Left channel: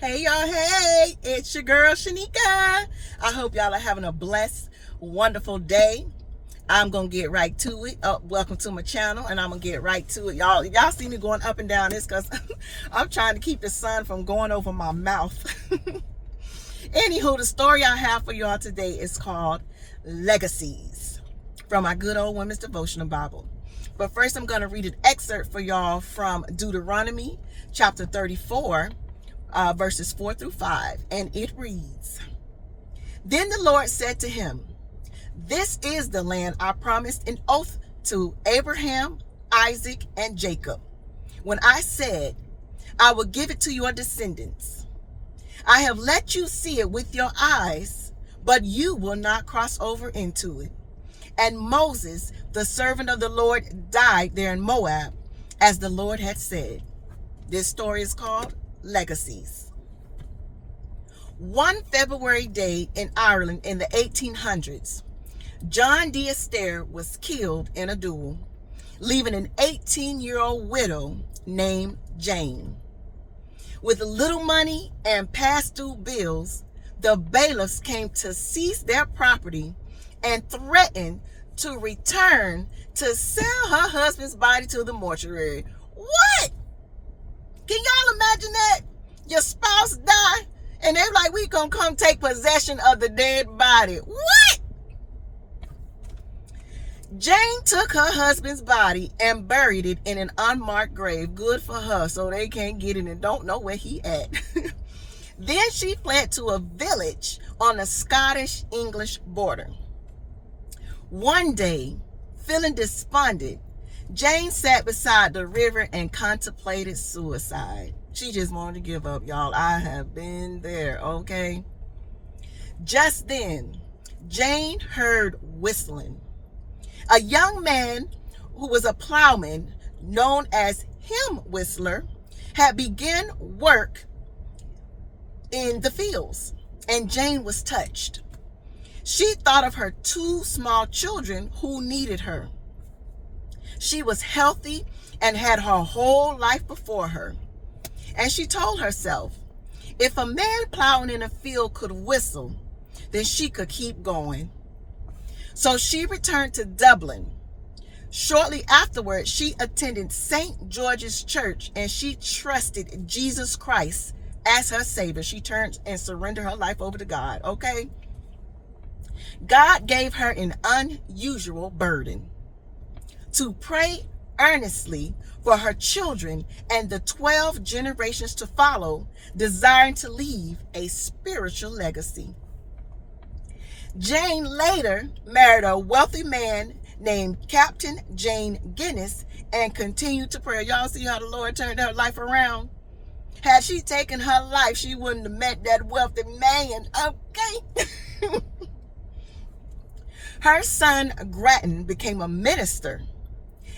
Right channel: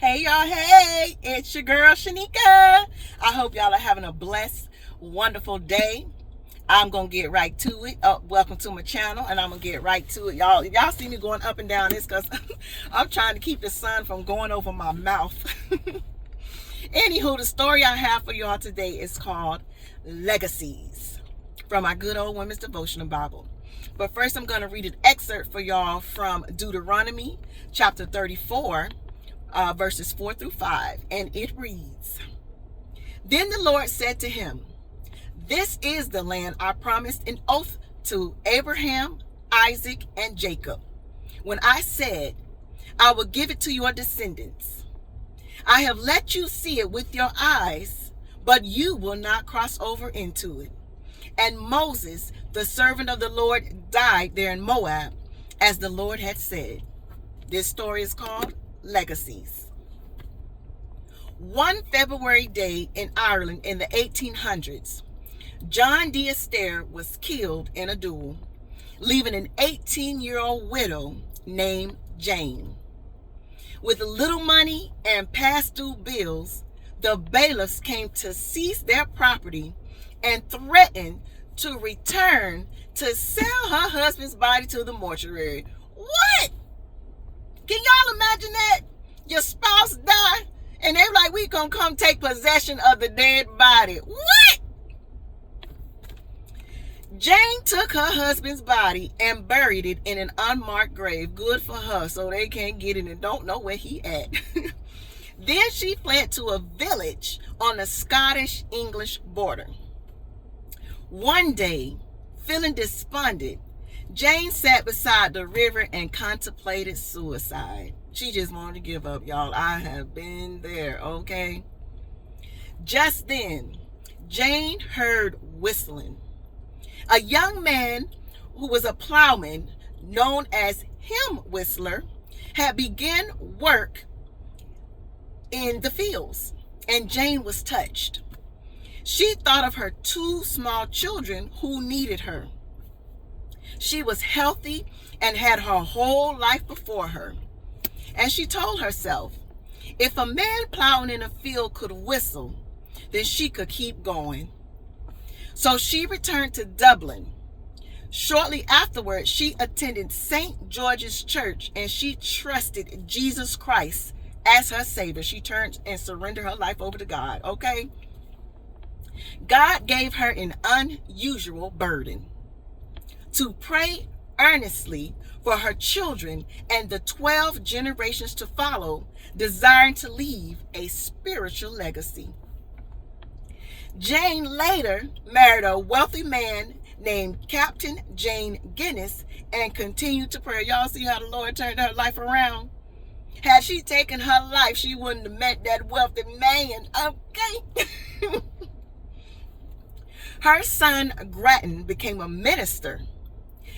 Hey y'all, hey, it's your girl Shanika. I hope y'all are having a blessed, wonderful day. I'm gonna get right to it. Welcome to my channel, and I'm gonna get right to it. Y'all see me going up and down this because I'm trying to keep the sun from going over my mouth. Anywho, the story I have for y'all today is called Legacies from my good old women's devotional Bible. But first, I'm gonna read an excerpt for y'all from Deuteronomy chapter 34. Verses 4 through 5, and it reads, Then the Lord said to him, This is the land I promised an oath to Abraham, Isaac, and Jacob, when I said, I will give it to your descendants. I have let you see it with your eyes, but you will not cross over into it. And Moses, the servant of the Lord, died there in Moab, as the Lord had said. This story is called Legacies. One February day in Ireland in the 1800s, John D. Astaire was killed in a duel, leaving an 18-year-old widow named Jane. With little money and past due bills, the bailiffs came to seize their property and threatened to return to sell her husband's body to the mortuary. What? Can y'all imagine that? Your spouse died, and they're like, we gonna come take possession of the dead body. What? Jane took her husband's body and buried it in an unmarked grave. Good for her, so they can't get it and don't know where he at. Then she fled to a village on the Scottish-English border. One day, feeling despondent, Jane sat beside the river and contemplated suicide. She just wanted to give up, y'all. I have been there, okay? Just then, Jane heard whistling. A young man who was a plowman, known as Hymn Whistler, had begun work in the fields, and Jane was touched. She thought of her two small children who needed her. She was healthy and had her whole life before her. And she told herself, if a man plowing in a field could whistle, then she could keep going. So she returned to Dublin. Shortly afterward, she attended St. George's Church, and she trusted Jesus Christ as her Savior. She turned and surrendered her life over to God, okay? God gave her an unusual burden: to pray earnestly for her children and the 12 generations to follow, desiring to leave a spiritual legacy. Jane later married a wealthy man named Captain Jane Guinness and continued to pray. Y'all see how the Lord turned her life around? Had she taken her life, she wouldn't have met that wealthy man, okay? Her son Grattan became a minister,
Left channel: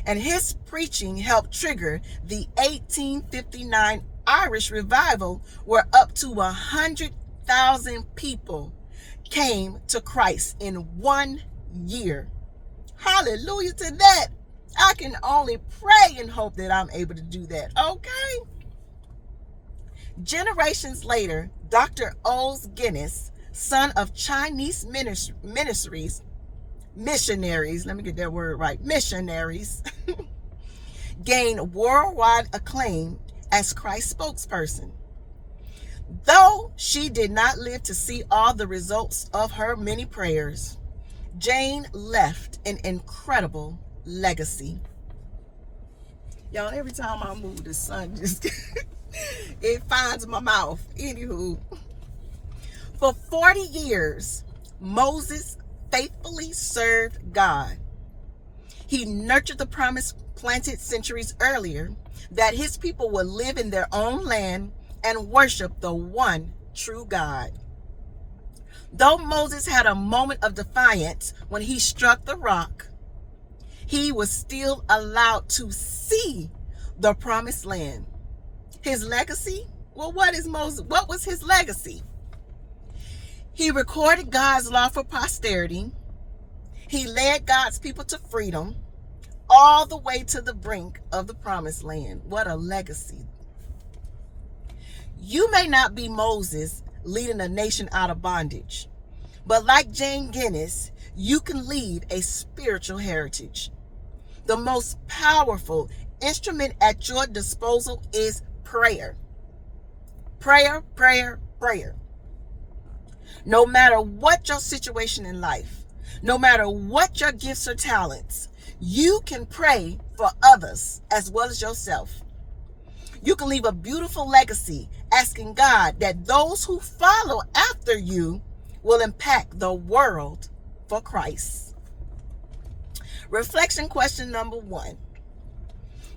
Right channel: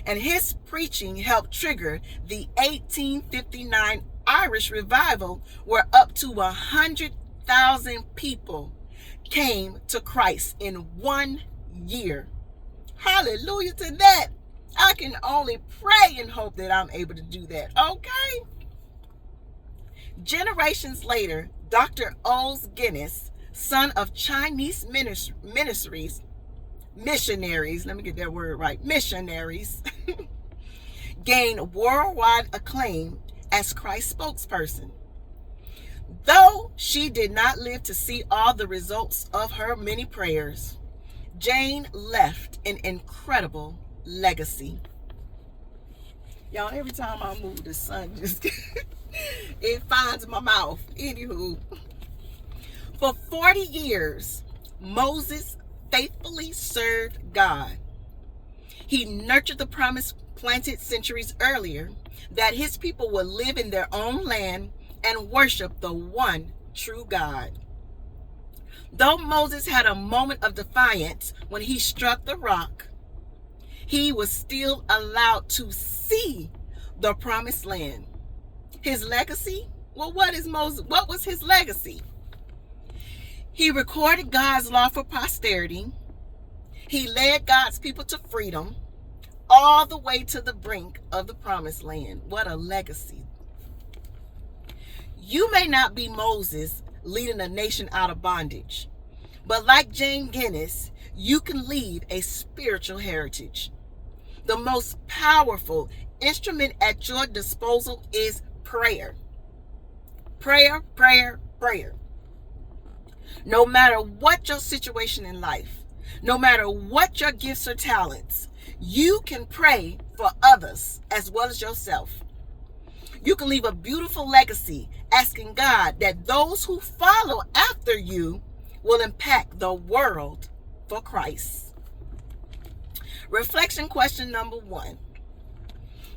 and his preaching helped trigger the 1859 Irish revival, where up to 100,000 people came to Christ in 1 year. Hallelujah to that. I can only pray and hope that I'm able to do that, okay? Generations later, Dr. O's Guinness, son of Chinese missionaries, let me get that word right, missionaries, gained worldwide acclaim as Christ's spokesperson. Though she did not live to see all the results of her many prayers, Jane left an incredible legacy. Y'all, every time I move, the sun just, it finds my mouth. Anywho, for 40 years, Moses faithfully served God. He nurtured the promise planted centuries earlier, that his people would live in their own land and worship the one true God. Though Moses had a moment of defiance when he struck the rock, he was still allowed to see the promised land. His legacy? Well, what was his legacy? He recorded God's law for posterity. He led God's people to freedom, all the way to the brink of the promised land. What a legacy. You may not be Moses leading a nation out of bondage, but like Jane Guinness, you can leave a spiritual heritage. The most powerful instrument at your disposal is prayer. Prayer, prayer, prayer. No matter what your situation in life, no matter what your gifts or talents, you can pray for others as well as yourself. You can leave a beautiful legacy asking God that those who follow after you will impact the world for Christ. Reflection question number 1.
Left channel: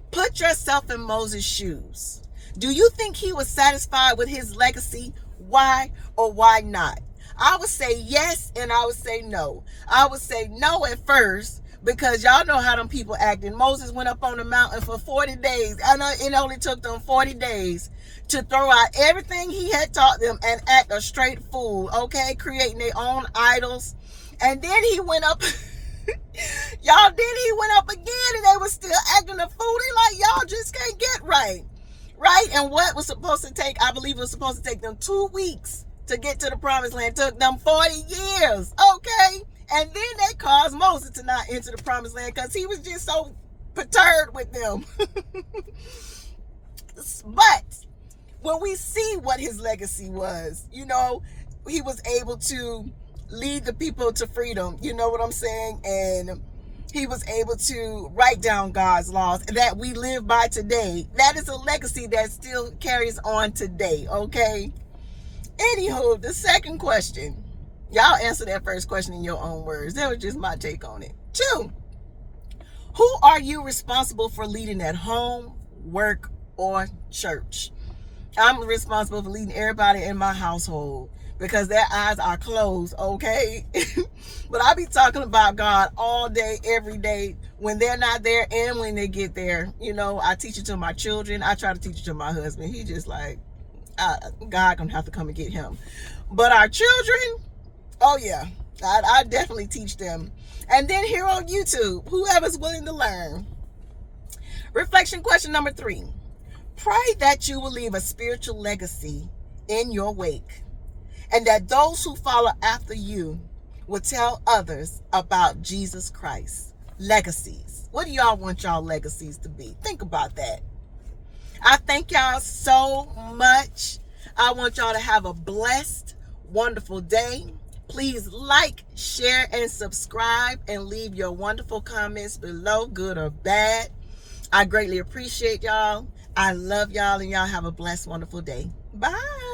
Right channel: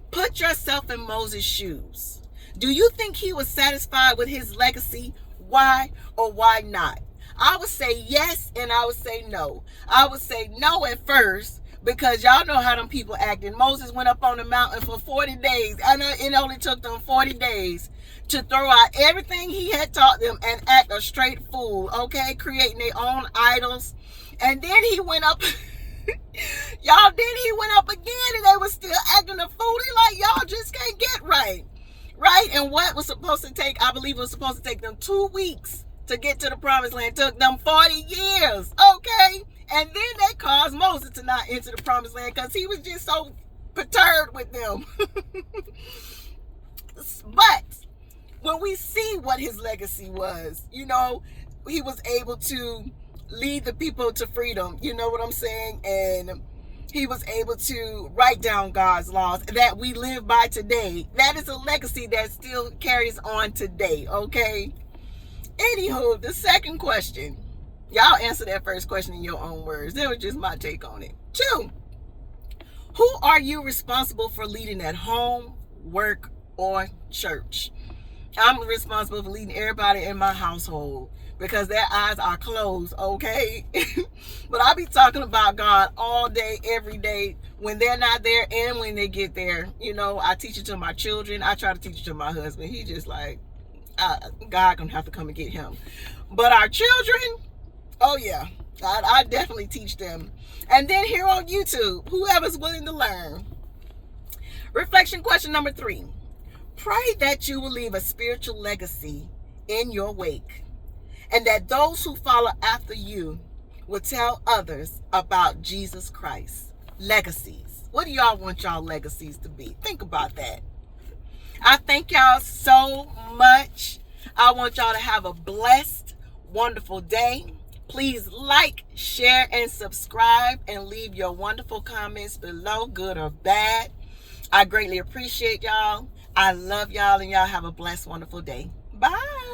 Put yourself in Moses' shoes. Do you think he was satisfied with his legacy? Why or why not? I would say yes and I would say no. I would say no at first because y'all know how them people acting. Moses went up on the mountain for 40 days. I know it only took them 40 days to throw out everything he had taught them and act a straight fool, okay? Creating their own idols. And then he went up... Y'all, then he went up again and they were still acting a fool. They like, y'all just can't get right. Right? And what was supposed to take, I believe it was supposed to take them 2 weeks to get to the promised land. Took them 40 years. Okay? And then they caused Moses to not enter the promised land because he was just so perturbed with them. But when we see what his legacy was, you know, he was able to lead the people to freedom. You know what I'm saying? And he was able to write down God's laws that we live by today. That is a legacy that still carries on today, okay? Anywho, the second question. Y'all answer that first question in your own words. That was just my take on it. 2, who are you responsible for leading at home, work, or church? I'm responsible for leading everybody in my household because their eyes are closed, okay? But I be talking about God all day, every day, when they're not there and when they get there. You know, I teach it to my children. I try to teach it to my husband. He just like, God gonna have to come and get him. But our children, oh yeah, I definitely teach them. And then here on YouTube, whoever's willing to learn. Reflection question number 3. Pray that you will leave a spiritual legacy in your wake, and that those who follow after you will tell others about Jesus Christ. Legacies. What do y'all want y'all legacies to be? Think about that. I thank y'all so much. I want y'all to have a blessed, wonderful day. Please like, share, and subscribe, and leave your wonderful comments below, good or bad. I greatly appreciate y'all. I love y'all, and y'all have a blessed, wonderful day. Bye.